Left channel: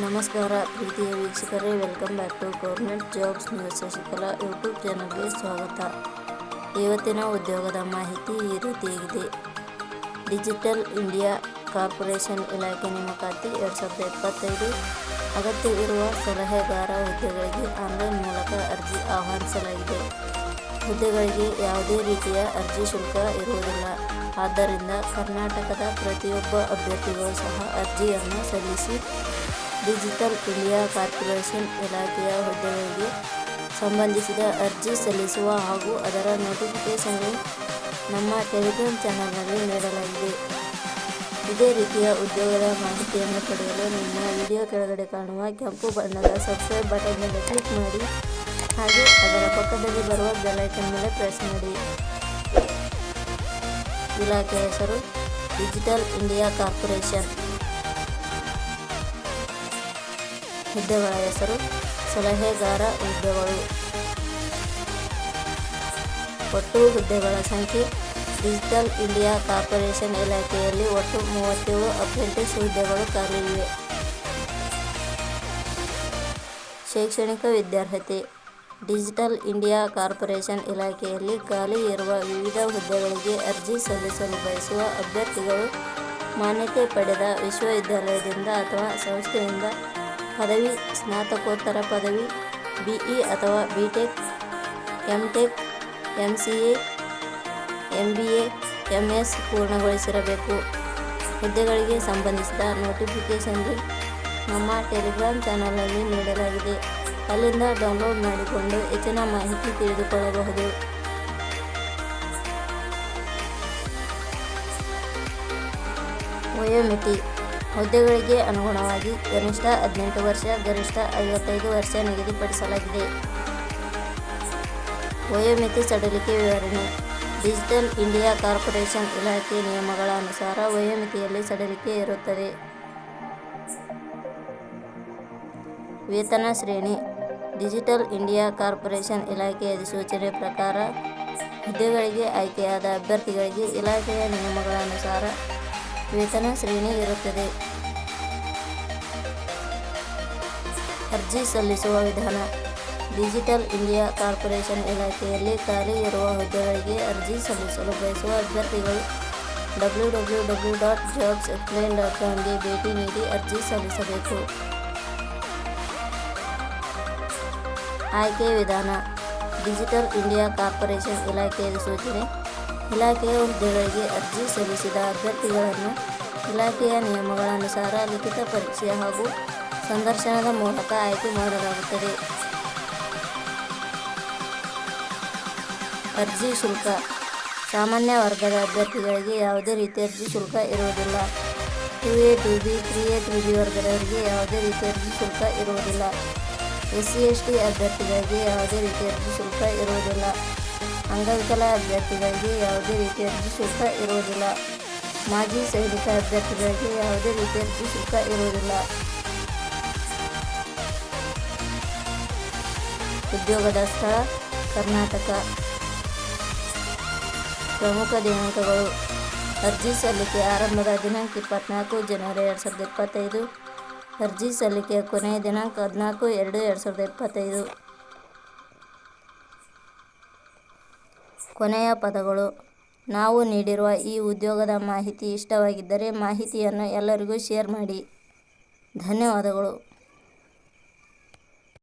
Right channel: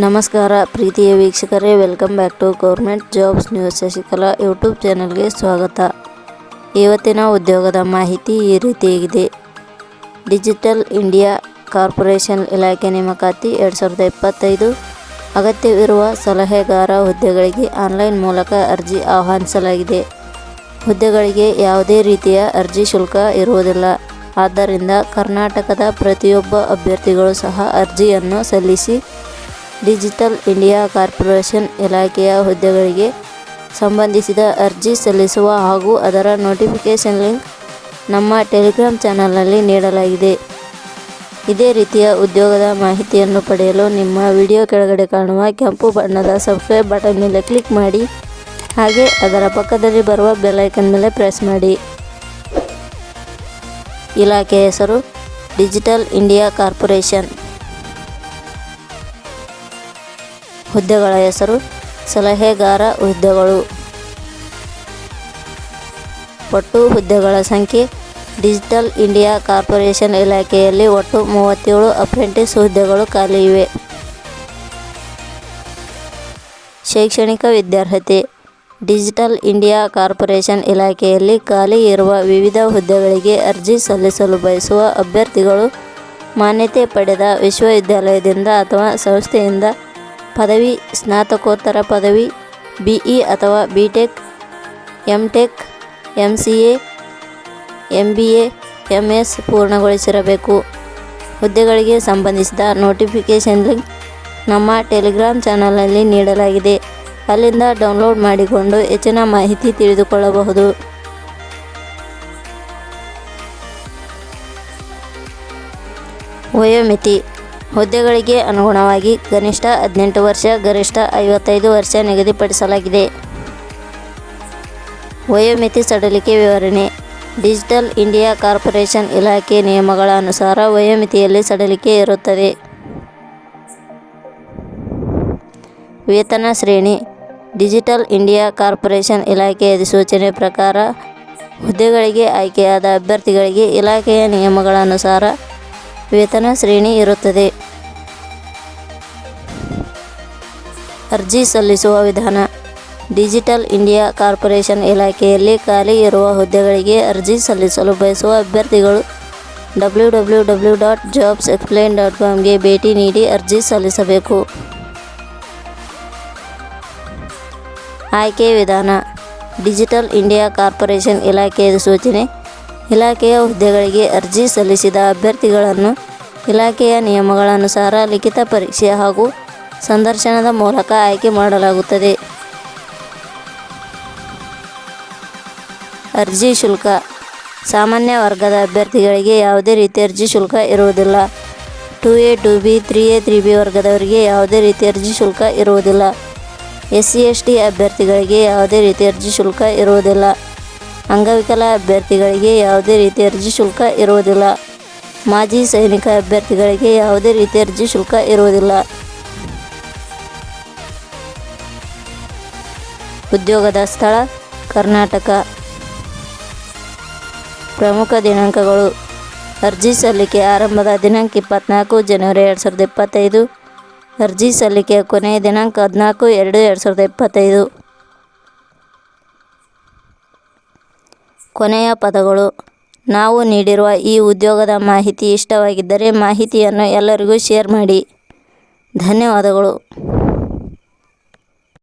ನಮಸ್ಕಾರ ಪ್ರೀತಿಯ ವೀಕ್ಷಕರೇ, welcome back to government jobs news Shashikala YouTube ಚಾನಲ್ಗೆ ಸ್ವಾಗತ. ಇವತ್ತಿನ ಉದ್ಯೋಗದ ಮಾಹಿತಿ ಈ ರೀತಿಯಾಗಿದೆ. ಡಿಜಿಟಲ್ ಇಂಡಿಯಾ ಕಾರ್ಪೊರೇಷನ್ ಇಲಾಖೆ ನೇಮಕಾತಿ 2025. ಅಗತ್ಯವಿರುವ ಸಲಹೆಗಾರ ಹುದ್ದೆಗಳಿಗೆ ಆನ್ಲೈನ್ ಮೂಲಕ ಅರ್ಜಿ ಆಹ್ವಾನಿಸಲಾಗಿದೆ. ಹುದ್ದೆಗಳಿಗೆ ಯಾವುದೇ ರೀತಿಯ ಅರ್ಜಿ ಶುಲ್ಕ ಇರುವುದಿಲ್ಲ. ಆದ್ದರಿಂದ ಕರ್ನಾಟಕದ ಪ್ರತಿಯೊಬ್ಬ ಅಭ್ಯರ್ಥಿಗಳು ಸಹ ಅರ್ಜಿಯನ್ನು ಸಲ್ಲಿಸಿ ಡಿಜಿಟಲ್ ಇಂಡಿಯಾ ಕಾರ್ಪೊರೇಷನ್ ಇಲಾಖೆಯ ಹುದ್ದೆಗಳಿಗೆ ಸಂಬಂಧಿಸಿದ ಅರ್ಜಿ ಸಲ್ಲಿಸುವ ಹಾಗೂ ಅದರ ನೋಟಿಫಿಕೇಷನ್ ಲಿಂಕ್ ನಮ್ಮ ಟೆಲಿಗ್ರಾಮ್ ಚಾನಲ್ನಲ್ಲಿ ನೀಡಲಾಗಿದೆ. ಇದೇ ರೀತಿಯ ಉದ್ಯೋಗದ ಮಾಹಿತಿಯನ್ನು ಪಡೆಯಲು ನಿಮ್ಮ ವಿಡಿಯೋ ಕೆಳಗಡೆ ಕಾಣುವ ಕೆಂಪು ಬಣ್ಣದ ಸಬ್ಸ್ಕ್ರೈಬ್ ಬಟನ್ ಮೇಲೆ ಕ್ಲಿಕ್ ಮಾಡಿ, ಹಾಗೆ ಅದರ ಪಕ್ಕದಲ್ಲಿ ಬರುವ ಬೆಲ್ ಐಕನ್ ಮೇಲೆ ಪ್ರೆಸ್ ಮಾಡಿ. ಇಲಾಖೆ ಹೆಸರು ಡಿಜಿಟಲ್ ಇಂಡಿಯಾ ಕಾರ್ಪೊರೇಷನ್. ಹುದ್ದೆಗಳ ಹೆಸರು ಸಲಹೆಗಾರ ಹುದ್ದೆಗಳು. ಒಟ್ಟು ಹುದ್ದೆಗಳ ಸಂಖ್ಯೆ ಡಿಜಿಟಲ್ ಇಂಡಿಯಾ ಕಾರ್ಪೊರೇಷನ್ ಇಲಾಖೆಯಲ್ಲಿ ಒಟ್ಟು 37 ಅಪ್ರೆಂಟಿಸ್ ಹುದ್ದೆಗಳು ಖಾಲಿ ಇವೆ. ಶೈಕ್ಷಣಿಕ ವಿದ್ಯಾರ್ಹತೆ. ಡಿಜಿಟಲ್ ಇಂಡಿಯಾ ಕಾರ್ಪೊರೇಷನ್ ಇಲಾಖೆಯಲ್ಲಿ ಖಾಲಿ ಇರುವ ವಿವಿಧ ಹುದ್ದೆಗಳಿಗೆ ಅರ್ಜಿ ಸಲ್ಲಿಸಲು ಬಯಸುವ ಅಭ್ಯರ್ಥಿಗಳು ಮಾನ್ಯತೆ ಪಡೆದ ವಿಶ್ವವಿದ್ಯಾಲಯದಿಂದ ಅಥವಾ ಸಂಸ್ಥೆಯಿಂದ ಪದವಿ, ಸ್ನಾತಕೋತ್ತರ ಪದವಿ, BE ಅಥವಾ BTech, MTech, MCA, MBA, MS ಪೂರ್ಣಗೊಳಿಸಿರಬೇಕು. ಹುದ್ದೆಗಳಿಗೆ ಸಂಬಂಧಿಸಿದ ನೋಟಿಫಿಕೇಷನ್ ಲಿಂಕ್ ನಮ್ಮ ಟೆಲಿಗ್ರಾಮ್ ಚಾನಲ್ನಲ್ಲಿ ನೀಡಲಾಗಿದೆ. ಅಲ್ಲಿಂದ ಡೌನ್ಲೋಡ್ ಮಾಡಿಕೊಂಡು ಹೆಚ್ಚಿನ ಮಾಹಿತಿ ತಿಳಿದುಕೊಳ್ಳಬಹುದು. ವಯೋಮಿತಿ. ಹುದ್ದೆಗಳಿಗೆ ಅನುಗುಣವಾಗಿ ಕನಿಷ್ಠ 18 ವರ್ಷ, ಗರಿಷ್ಠ 55 ವರ್ಷ ನಿಗದಿಪಡಿಸಲಾಗಿದೆ. ವಯೋಮಿತಿ ಸಡಿಲಿಕೆ ವಿವರಣೆ. ಡಿಜಿಟಲ್ ಇಂಡಿಯಾ ಕಾರ್ಪೊರೇಷನ್ ಇಲಾಖೆ ನಿಯಮಗಳ ಅನುಸಾರ ವಯೋಮಿತಿಯಲ್ಲಿ ಸಡಿಲಿಕೆ ಇರುತ್ತದೆ. ವೇತನ ಶ್ರೇಣಿ. ಡಿಜಿಟಲ್ ಇಂಡಿಯಾ ಕಾರ್ಪೊರೇಷನ್ ಇಲಾಖೆ ಅಧಿಸೂಚನೆ ಪ್ರಕಾರ ಹುದ್ದೆಗಳಿಗೆ ಆಯ್ಕೆಯಾದ ಅಭ್ಯರ್ಥಿಗಳಿಗೆ ಇಲಾಖೆಯ ನಿಯಮಗಳ ಅನುಸಾರ ವೇತನ ಶ್ರೇಣಿ ಇರುತ್ತದೆ. ಅರ್ಜಿ ಸಲ್ಲಿಸುವ ವಿಧಾನ. ಡಿಜಿಟಲ್ ಇಂಡಿಯಾ ಕಾರ್ಪೊರೇಷನ್ ಇಲಾಖೆಯಲ್ಲಿ ಖಾಲಿ ಇರುವ ಹುದ್ದೆಗಳಿಗೆ ಅರ್ಜಿ ಸಲ್ಲಿಸಲು ಬಯಸುವ ಅಭ್ಯರ್ಥಿಗಳು www.jobsexplain.com ಗೆ ಭೇಟಿ ನೀಡಿ ಅರ್ಜಿ ಸಲ್ಲಿಸಬೇಕು. ಆಯ್ಕೆ ವಿಧಾನ. ಡಿಜಿಟಲ್ ಇಂಡಿಯಾ ಕಾರ್ಪೊರೇಷನ್ ಇಲಾಖೆ ಅಧಿಸೂಚನೆ. ಇಲಾಖೆಯ ಹುದ್ದೆಗಳಿಗೆ ಅರ್ಜಿ ಸಲ್ಲಿಸಿದ ಅಭ್ಯರ್ಥಿಗಳನ್ನು ಇಲಾಖೆಯ ನಿಯಮಗಳ ಅನುಸಾರ ಲಿಖಿತ ಪರೀಕ್ಷೆ ಹಾಗೂ ಸಂದರ್ಶನದ ಮೂಲಕ ಆಯ್ಕೆ ಮಾಡಲಾಗುತ್ತದೆ. ಅರ್ಜಿ ಶುಲ್ಕ. ಸಾಮಾನ್ಯ ವರ್ಗದ ಅಭ್ಯರ್ಥಿಗಳಿಗೆ ಯಾವುದೇ ರೀತಿಯ ಅರ್ಜಿ ಶುಲ್ಕ ಇರುವುದಿಲ್ಲ. 2A, 2B, 3A, 3B ವರ್ಗದವರಿಗೆ ಯಾವುದೇ ರೀತಿಯ ಅರ್ಜಿ ಶುಲ್ಕ ಇರುವುದಿಲ್ಲ. SC, ST ಅಭ್ಯರ್ಥಿಗಳಿಗೆ ಯಾವುದೇ ರೀತಿಯ ಅರ್ಜಿ ಶುಲ್ಕ ಇರುವುದಿಲ್ಲ. ಅಂಗವಿಕಲ ಅಭ್ಯರ್ಥಿಗಳಿಗೆ ಯಾವುದೇ ರೀತಿಯ ಅರ್ಜಿ ಶುಲ್ಕ ಇರುವುದಿಲ್ಲ. ಮಾಜಿ ಸೈನಿಕ ಅಭ್ಯರ್ಥಿಗಳಿಗೆ ಯಾವುದೇ ರೀತಿಯ ಅರ್ಜಿ ಶುಲ್ಕ ಇರುವುದಿಲ್ಲ. ಉದ್ಯೋಗದ ಸ್ಥಳ ಕರ್ನಾಟಕ. ಪ್ರಮುಖ ದಿನಾಂಕಗಳು. ಅರ್ಜಿ ಸಲ್ಲಿಕೆ ಆರಂಭದ ದಿನಾಂಕ 24 ಜನವರಿ 2025. ಅರ್ಜಿ ಸಲ್ಲಿಕೆಯ ಕೊನೆಯ ದಿನಾಂಕ 14/2/2025. ಕೊನೆಯ ಪದಗಳು. ನಾವು ನೀಡಿರುವ ಈ ಉದ್ಯೋಗದ ಮಾಹಿತಿ ಇಷ್ಟವಾಗಿದ್ದರೆ ಮಾಹಿತಿಯನ್ನು ಎಲ್ಲರಿಗೂ ಶೇರ್ ಮಾಡಿ. ಧನ್ಯವಾದಗಳು.